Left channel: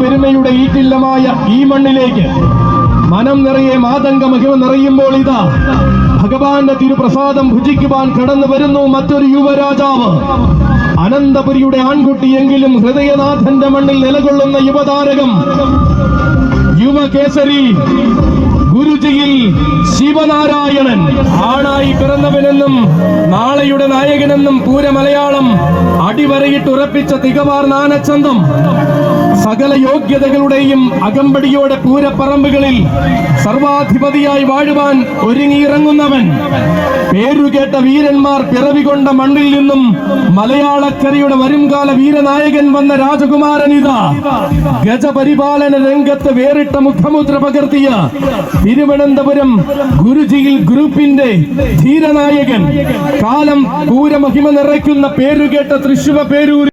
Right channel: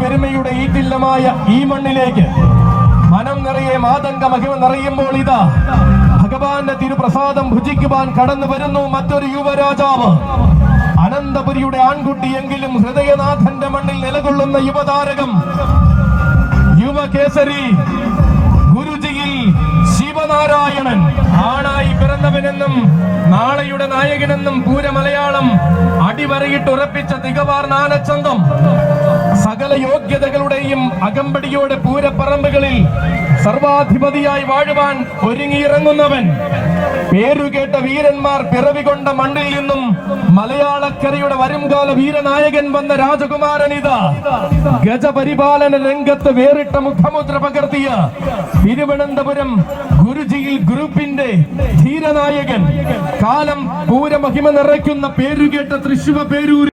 പെരുമയുടെ ഈറ്റില്ലമായ ഈ മണ്ണിലേക്ക് മനം നിറയെ മാതംഗ മഹിമ നിറയുമ്പോൾ ഇതാ ഭഗവാന്റെ തിരുപ്രസാദം ഭുജിക്കുവാൻ കടന്നു വരുന്നു മറ്റൊരു യുവരാജാവ്. അനന്തപുരിയുടെ ആൺകുട്ടിയെങ്കിലും ഹൃദയനാഥന്റെ മണ്ണിൽ നിലകൊള്ളുന്ന യുവതാരകം യുവകേസരി ഗുരുജിയിൽ ശിവനാരായണൻ. ആണായി പിറന്നവനെന്നും നാളെയുടെ അടിവരയിട്ട് ഉറപ്പിച്ച തികവാർ നാനച്ചന്തം സകല യോഗ്യതകളുടെയും അകമ്പടിയോടെ പൂരപ്പറമ്പുകളിൽ സർവാധിപതിയായി വാഴുവാൻ ഒരുങ്ങിയിറങ്ങുന്നവൻ. പേരുകേട്ട വീരന്മാർ പിറവികൊണ്ട മണ്ണിൽ നിന്നും മലയാളക്കരയുടെ വരുംകാല വീരനായകൻ വന്ന രാജകുമാരൻ ഇതാ. ഗജപരിപാലന രംഗത്ത് വേറിട്ട മുഖമുദ്ര പകർത്തിയ തിരുവനന്തപുരം ഗുരുജിയിൽ ഗ്രൂപ്പിന്റെ ധീരനായകൻ. പൂരമഹിമ നിറയ്ക്കുന്ന പേരുകേട്ട തൃശുവ പേരൂരിൽ